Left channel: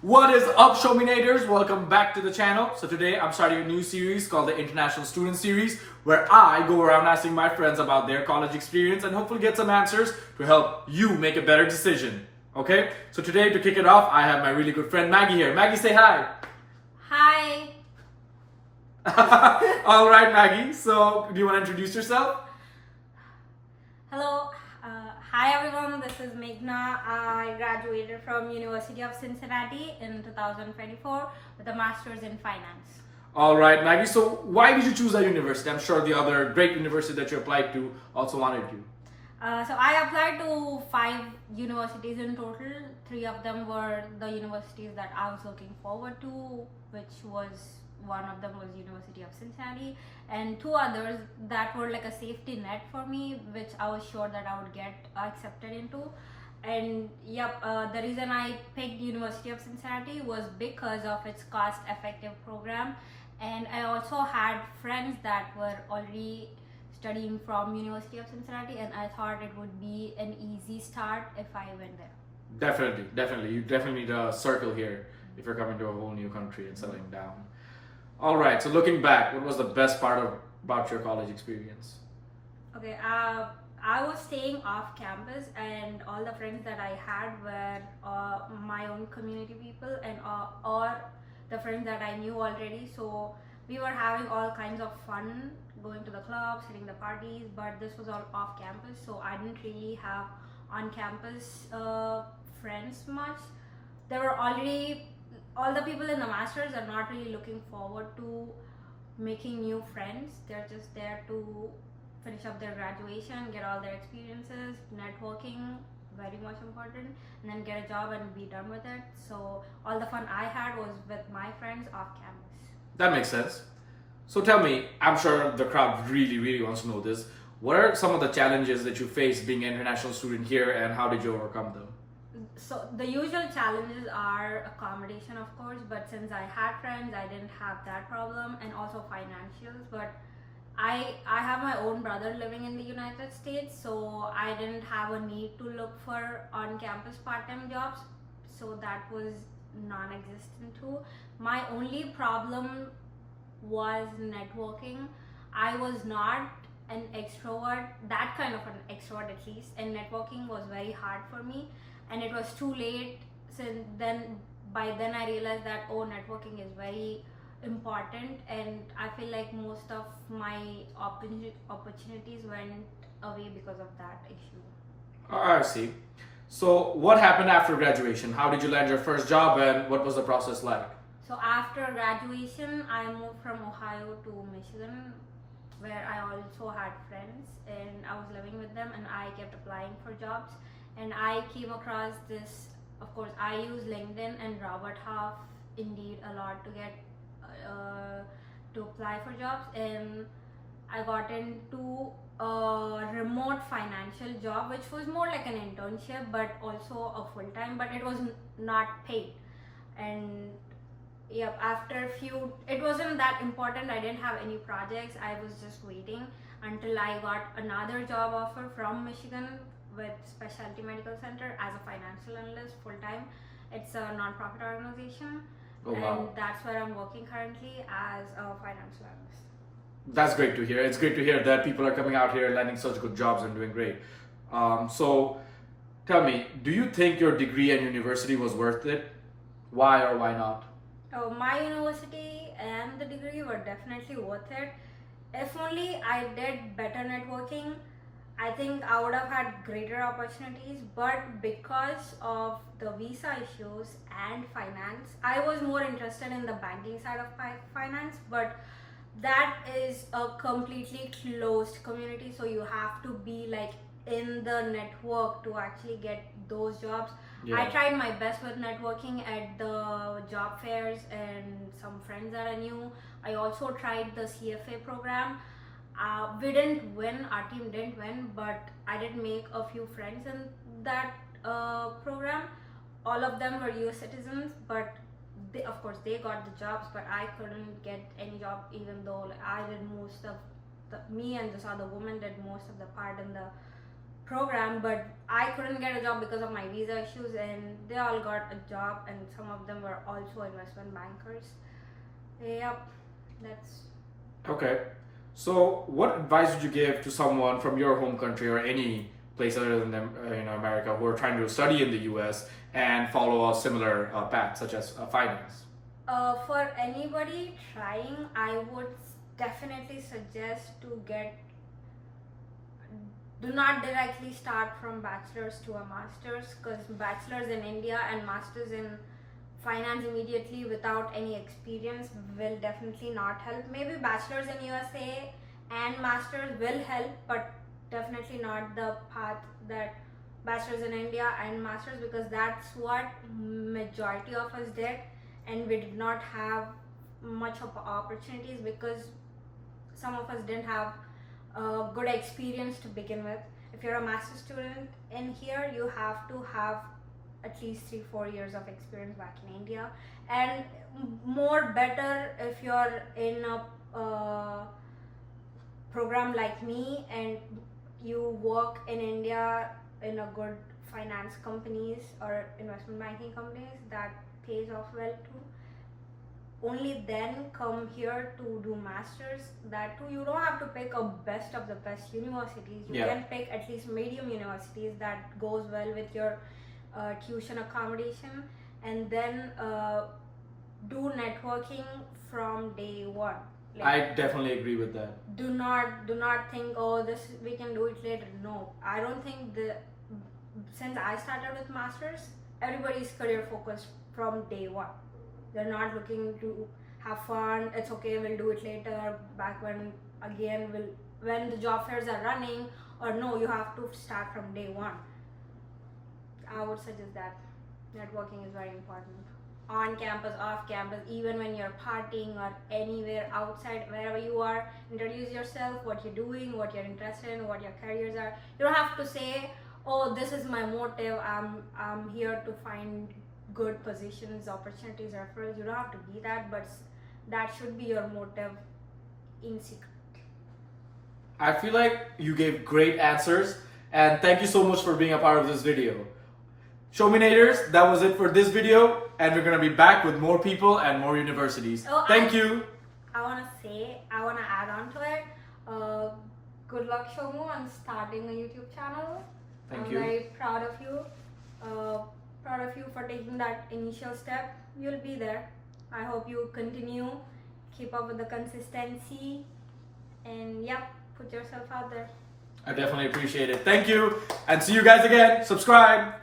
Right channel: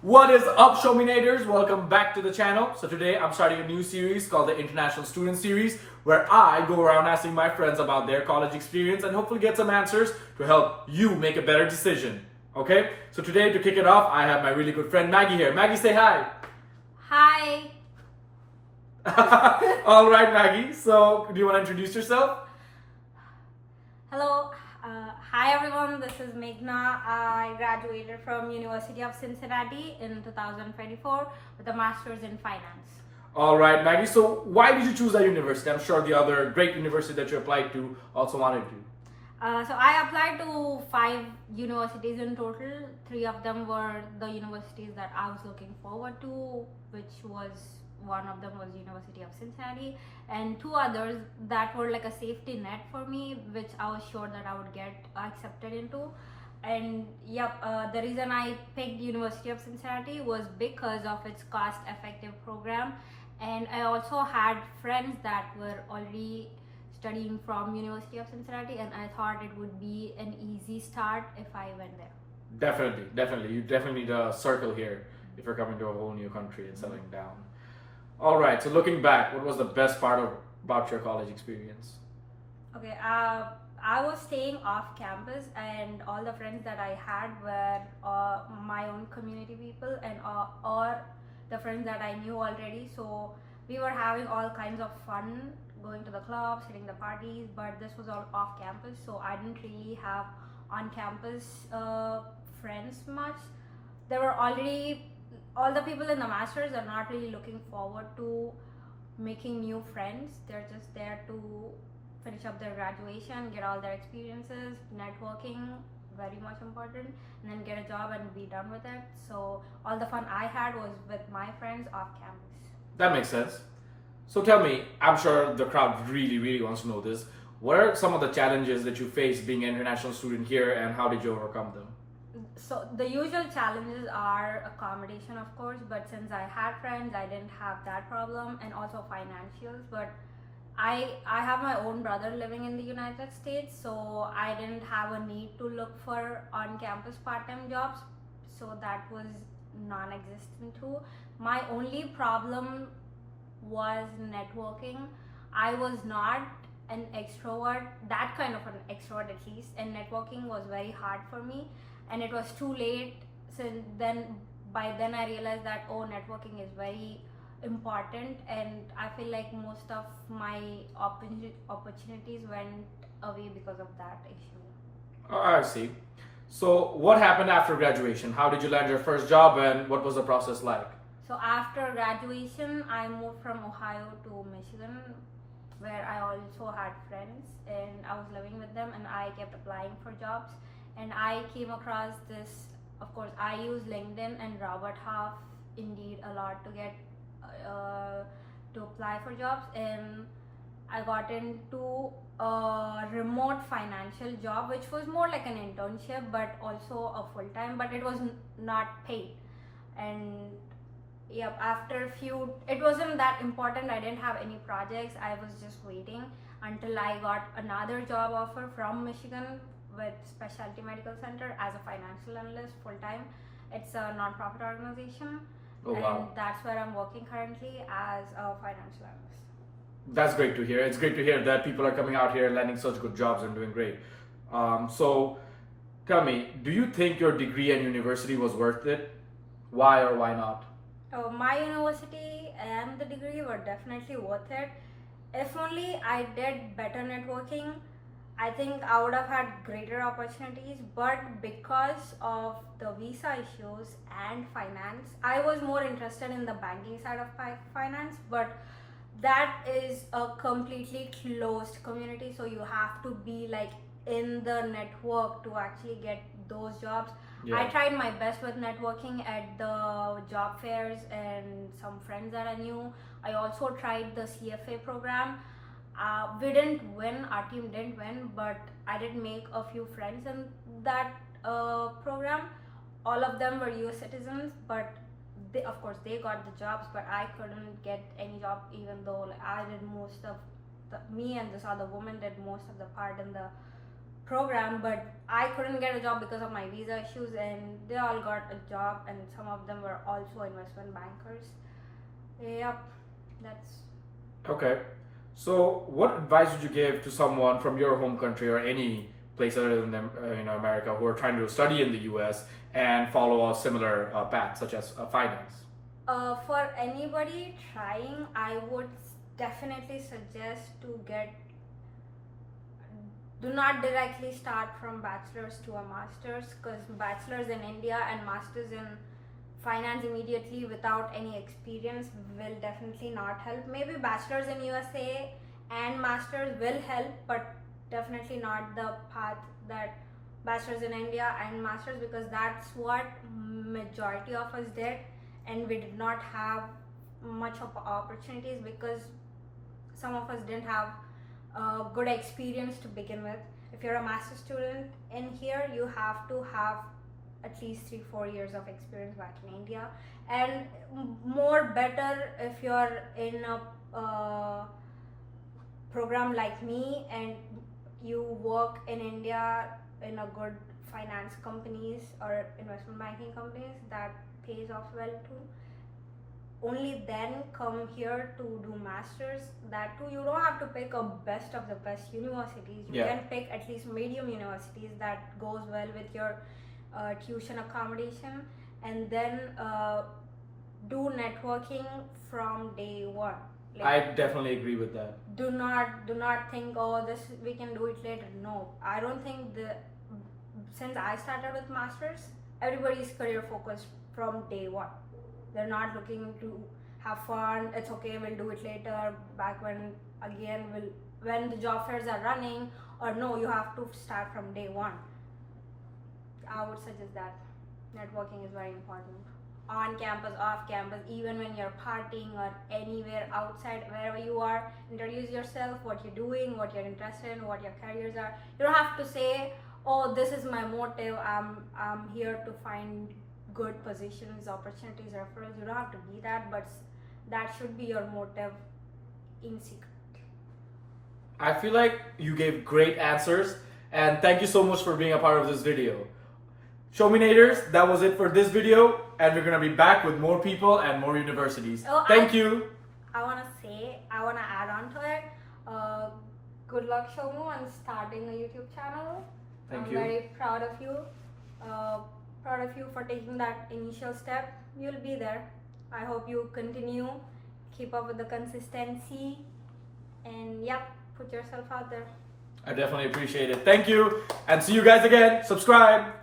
What is up, Showminators? Welcome back to the channel. So today I'm starting a new series called the International Student Series, where I go around asking my friends about their college experience and hopefully get some answers to help you make a better decision. Okay? So today, to kick it off, I have my really good friend Maggie here. Maggie, say hi. Hi. All right, Maggie. So do you want to introduce yourself? Hello. Hi everyone. This is Meghna. I graduated from University of Cincinnati in 2024 with a master's in finance. All right, Maggie. So why did you choose that university? I'm sure the other great university that you applied to also wanted you. So I applied to 5 universities in total. 3 of them were the universities that I was looking forward to, which was one of them was University of Cincinnati, and 2 others that were like a safety net for me, which I was sure that I would get accepted into. And the reason I picked University of Cincinnati was because of its cost-effective program, and I also had friends that were already studying from University of Cincinnati, and I thought it would be an easy start if I went there. Definitely. You definitely need a circle here if you're coming to a whole new country and settling down. All right. So looking back, what was the best part about your college experience? Okay, I was staying off campus, and all the friends that I had were my own community people and or the friends that I knew already. So we were having all kinds of fun, going to the clubs, hitting the parties. But this was all off campus, so I didn't really have on campus friends much. There were already all the people in the masters are not really looking forward to making new friends. They're just there to finish up their graduation, get all their experiences, networking, very much important, and then get a job and be done with it. So all the fun I had was with my friends off campus. That makes sense. So tell me, I'm sure the crowd really wants to know this. What are some of the challenges that you faced being an international student here, and how did you overcome them? So the usual challenges are accommodation, of course, but since I had friends, I didn't have that problem, and also financials. But I have my own brother living in the United States, so I didn't have a need to look for on-campus part-time jobs, so that was non-existent too. My only problem was networking. I was not an extrovert, that kind of an extrovert at least, and networking was very hard for me, and it was too late. Since then, by then I realized that networking is very important, and I feel like most of my opportunities went away because of that issue. I see. So what happened after graduation? How did you land your first job, and what was the process like? So after graduation, I moved from Ohio to Michigan, where I also had friends and I was living with them, and I kept applying for jobs, and I came across this. Of course, I use LinkedIn and Robert Half, Indeed a lot to get to apply for jobs, and I got into a remote financial job, which was more like an internship, but also a full time, but it was not paid. And after a few, it wasn't that important. I didn't have any projects. I was just waiting until I got another job offer from Michigan with Specialty Medical Center as a financial analyst full time. It's a non-profit organization. Oh, wow. And that's where I'm working currently as a financial analyst. That's great to hear. It's great to hear that people are coming out here landing such good jobs and doing great. So tell me, do you think your degree and university was worth it? Why or why not? My university and the degree were definitely worth it. If only I did better networking, I think I would have had greater opportunities. But because of the visa issues and finance, I was more interested in the banking side of finance, but that is a completely closed community, so you have to be like in the network to actually get those jobs. I tried my best with networking at the job fairs and some friends that I knew. I also tried the CFA program. We didn't win, our team didn't win, but I did make a few friends in that program. All of them were US citizens, but of course they got the jobs, but I couldn't get any job, even though I did most of me and this other woman did most of the part in the program, but I couldn't get a job because of my visa issues, and they all got a job, and some of them were also investment bankers. Yep, that's Okay. So, what advice would you give to someone from your home country or any place other than America who are trying to study in the U.S. and follow a similar path, such as finance? for anybody trying, I would definitely suggest to do not directly start from bachelor's to a master's, because bachelor's in India and master's in finance immediately without any experience will definitely not help. Maybe bachelor's in USA and master's will help, but definitely not the path that bachelor's in India and master's, because that's what majority of us did, and we did not have much of opportunities because some of us didn't have good experience to begin with. If you're a master's student in here, you have to have at least 3-4 years of experience back in India, and more better if you're in a program like me and you work in India in a good finance companies or investment banking companies that pays off well too. Only then come here to do masters. That too, you don't have to pick a best of the best universities. You can pick at least medium universities that goes well with your tuition accommodation, and then do networking from day one. I definitely agree with that. Do not think, oh, this we can do it later. No, I don't think since I started with masters, everybody's career focused from day one. They're not looking to have fun. It's okay, we'll do it later. Back when the job fairs are running, or no, you have to start from day one. I would suggest that networking is very important. On campus, off campus, even when you're partying or anywhere outside, wherever you are, introduce yourself, what you're doing, what you're interested in, what your careers are. You don't have to say, oh, this is my motive, I'm here to find good positions, opportunities, referrals. You don't have to be that, but that should be your motive in secret. I feel like you gave great answers, and thank you so much for being a part of this video. Showminators, that was it for this video, and we're gonna be back with more people and more universities. Thank you. I wanna add on to it. Good luck, Shomu, on starting a YouTube channel. Thank you. I'm very proud of you. Proud of you for taking that initial step. You'll be there. I hope you continue, keep up with the consistency, and put yourself out there. I definitely appreciate it. Thank you, and see you guys again. Subscribe.